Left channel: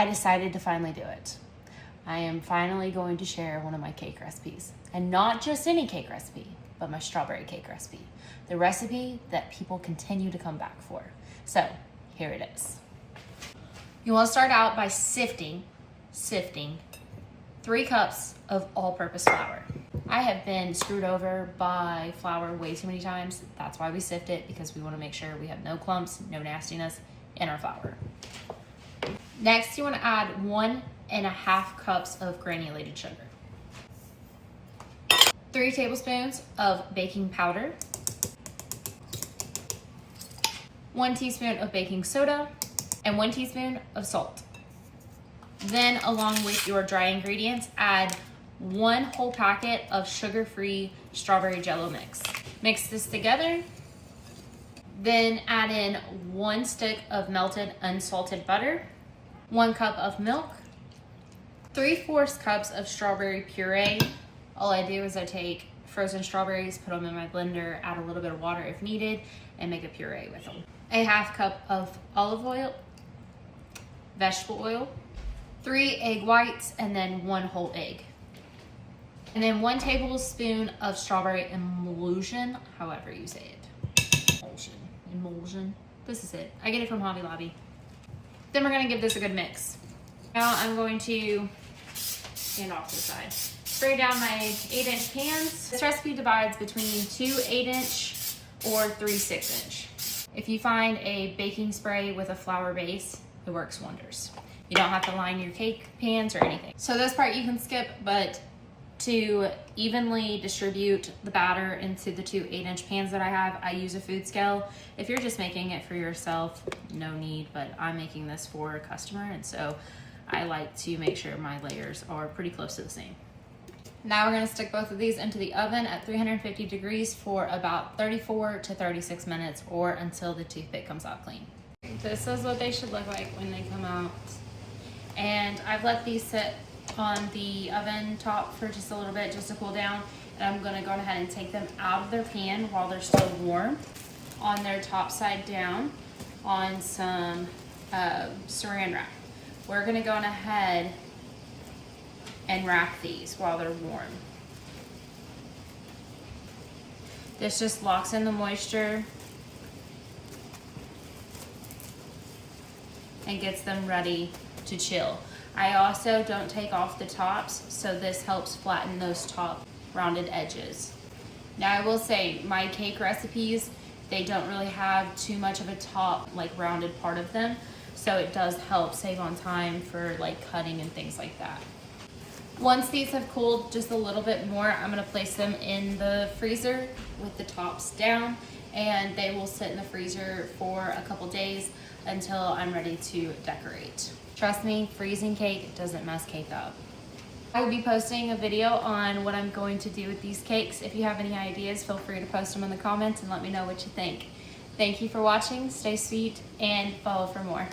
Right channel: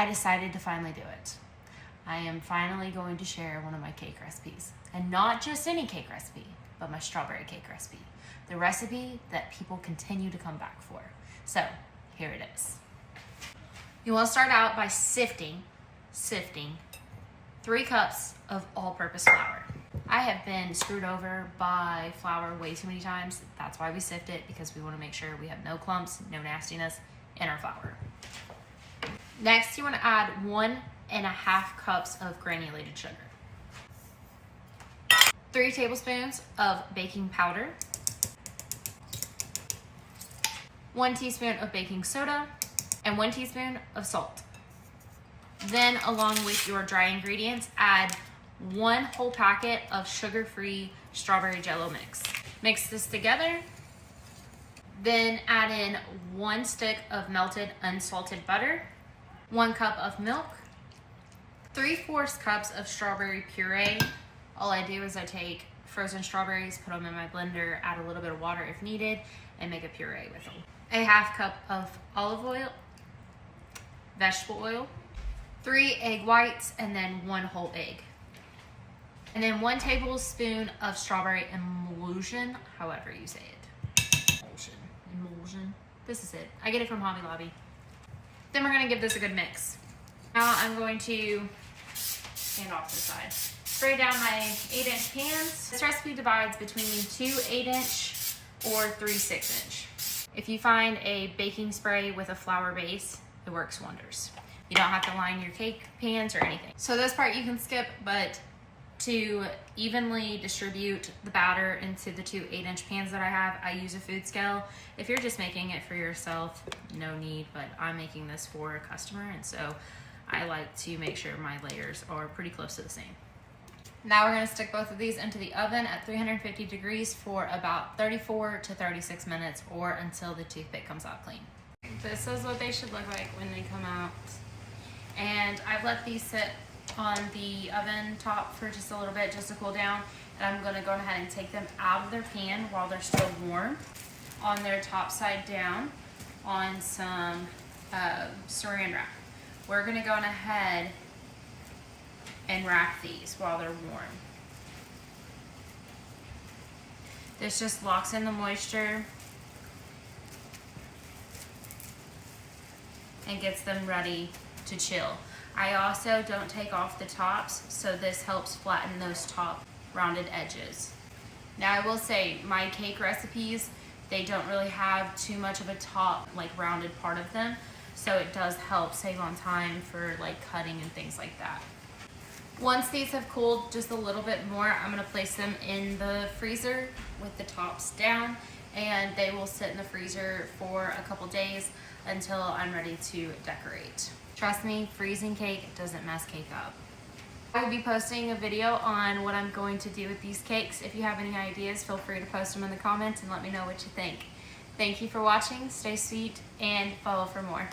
I decided to finally do it. I am finally going to share one of my cake recipes. And not just any cake recipe, but my strawberry cake recipe. The recipe that people continue to come back for. So, here it is. You want to start out by sifting 3 cups of all-purpose flour. I have been screwed over by flour way too many times. That's why we sift it, because we want to make sure we have no clumps, no nastiness in our flour. Next, you want to add 1.5 cups of granulated sugar, 3 tablespoons of baking powder, 1 teaspoon of baking soda, and 1 teaspoon of salt. Then, along with your dry ingredients, add 1 whole packet of sugar-free strawberry jello mix. Mix this together. Then add in 1 stick of melted unsalted butter, 1 cup of milk, 3/4 cups of strawberry puree. All I do is I take frozen strawberries, put them in my blender, add a little bit of water if needed, and make a puree with them. 1/2 cup of olive oil, vegetable oil, 3 egg whites, and then 1 whole egg. And then 1 tablespoon of strawberry emulsion, however you say it. Emulsion. This is it. I get it from Hobby Lobby. Then we're gonna give this a good mix. Now I'm going to stand off to the side. Spray down my 8-inch pans. This recipe divides between 2 8-inch or 3 6-inch. If you find a baking spray with a flour base, it works wonders. You don't have to line your cake pans or anything. So this part you can skip, but to evenly distribute the batter into the 2 8-inch pans that I have, I use a food scale. If you're just making it for yourself, no need, but I'm making this for a customer, and so I like to make sure my layers are pretty close to the same. Now we're gonna stick both of these into the oven at 350 degrees for about 34 to 36 minutes, or until the toothpick comes out clean. This is what they should look like when they come out. And I've let these sit on the oven top for just a little bit, just to cool down. And I'm gonna go ahead and take them out of their pan while they're still warm, on their top side down, on some saran wrap. We're gonna go ahead and wrap these while they're warm. This just locks in the moisture and gets them ready to chill. I also don't take off the tops, so this helps flatten those top rounded edges. Now I will say, my cake recipes, they don't really have too much of a top, like rounded part of them, so it does help save on time for like cutting and things like that. Once these have cooled just a little bit more, I'm gonna place them in the freezer with the tops down, and they will sit in the freezer for a couple days until I'm ready to decorate. Trust me, freezing cake doesn't mess cake up. I will be posting a video on what I'm going to do with these cakes. If you have any ideas, feel free to post them in the comments and let me know what you think. Thank you for watching, stay sweet, and follow for more.